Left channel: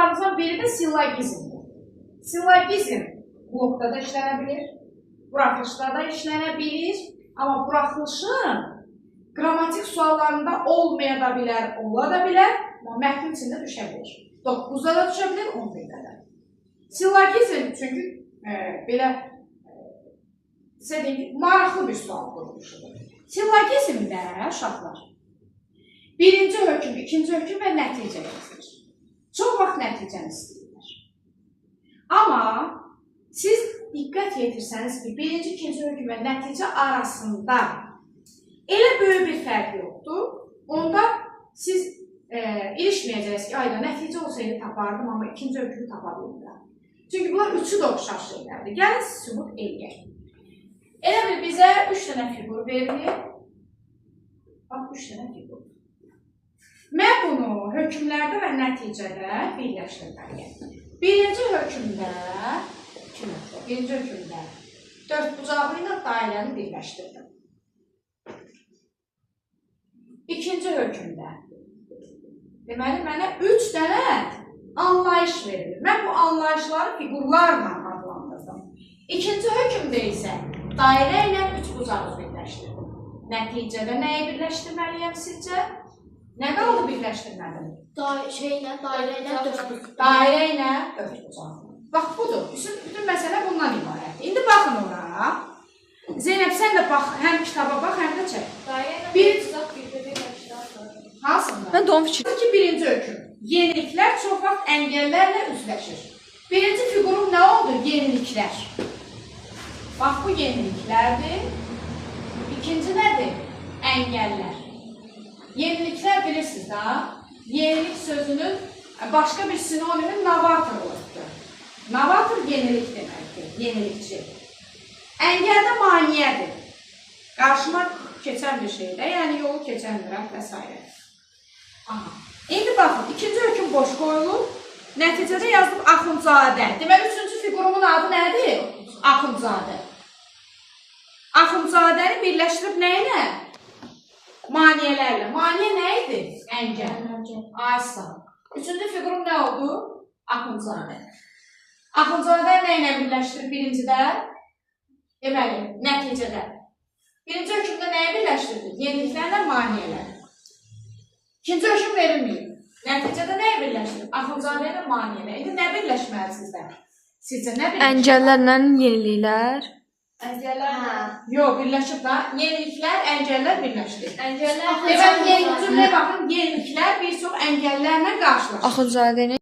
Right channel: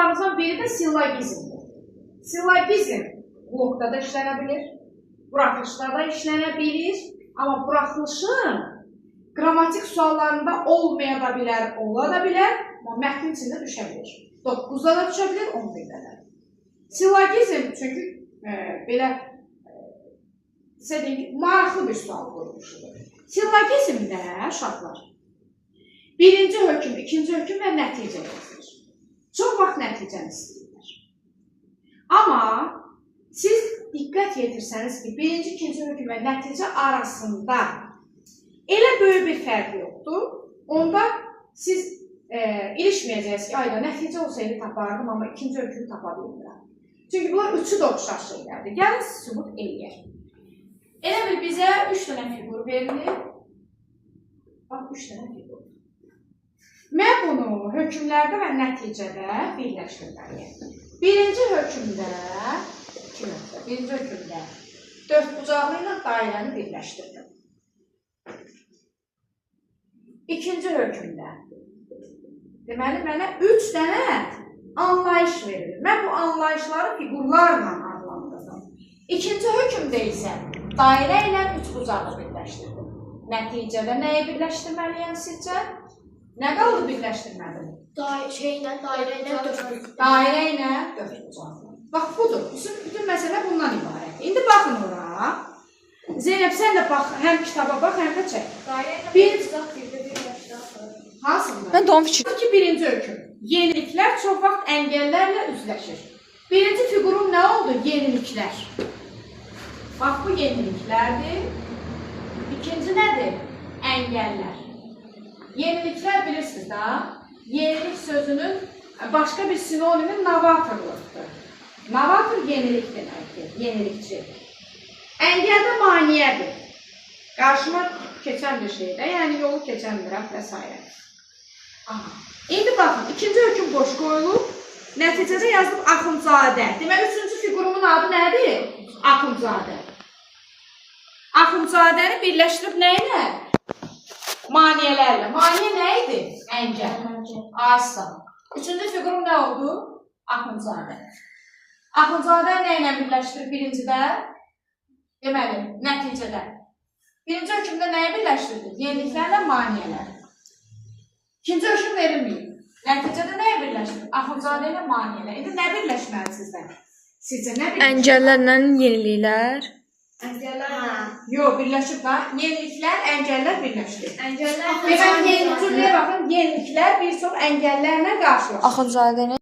suallarımızdan biri də sillogizmdir. Sillogizm blokda da işlənə bilir, buraxılışda da işlənə bilir, amma buraxılışın qrammatik suallarında olmaya da bilər, ola da bilər, amma mətnin içində düşə bilir. 9-da da düşə bilir, 11-də də. Sillogizm çünki belə maraqlı bir sual qurulmuşudur. Sillogizm nə, uşaqlar? Birinci hökm, ikinci hökm və nəticə yazılır. Çox vaxt nəticəni istəyirlər. Amma siz diqqət yetirsəniz ki, birinci, ikinci hökm və nəticə arasında elə böyük bir fərq yoxdur. Onda siz ilişməyəcəksiniz ki, ayda nəticə olsaydı tapardım, amma ikinci hökmü tapa bilmirəm. Çünki bunlar üçü də oxşar şeylərdir. Gəlin sübut eləyək. Elə bil bizə 3 dənə fiqur verilir. Bax, 3 dənə fiqur. Mən bunu hökmlərdə və nəticədə birləşdirməliyəm. Birinci hökmdə 4 bucağı ilə dairəni birləşdirdim. İkinci hökmdə deməli, mənə 3 dənə anlayış verilir. Mən bu anlayışları fiqurlarla adlandırdım. İkinci hökmdə isə dairə ilə 3 bucağı birləşdirdim. Nəticədə nəyi birləşdirməliyəm sizcə? Nə qaldı birləşdirmədim? Dairə ilə 4 bucağı. Dairə ilə 4 bucağı. Bax, budur. Bütün məsələ bundan ibarətdir. İndi baxın ora. Zeynəb, sən də bax, həm kitaba bax, həm də çək. Dairə ilə Bir bucaq bir-birinə yaşlar. Hansında? Mən də onu fikir. Birinci hökm. Yeniliklər çox vaxt əngəllərlə üzləşir. Birinci fiqurun nə oldu? Yeniliklər. Bax, bu yeniliklərdir. İkinci nədir? Əngəllər. Yeniliklər bilirsiniz da, yenilik sözünün başqa bir sinonimi novatorluqdur. Novator yenilik deməkdir, yenilikçi. Əngəldə maniyədir. Qarşıma keçən bir şeydə, yəni yolu keçəndirəm və s. Aha. İndi baxın, ikinci hökm boş qoyulub, nəticədə yazılıb Axundzadə. Deməli, üçüncü figurumun adı nədir? Axundzadə. Axundzadəni birləşdirib nə ilə? Maniyələrlə. Maniyə nə idi? Əngəl. Aysa. Üçüncü figurum nə oldu? Axundzadə. Axundzadə nə ilə birləşdirib birincidə? Deməli, nəticədə. Birinci hökmdə nəyi birləşdirdik? Yeniliklərlə maniyələr. İkinci hökm verilməyib. Nəticədə nəyi birləşdirib? Axundzadə ilə maniyələr. İndi nə birləşməli sizdə? Sizcə nə birləşməli? Əngəllərlə yeniliklər. Əngəllərlə. Yox, birləşib da. Yeniliklər, əngəllər birləşdir. Əngəllərlə. Deməli, yeniliklərə baxın, yeniliklər bir çox əngəllərlə qarşılaşır. Axundzadəni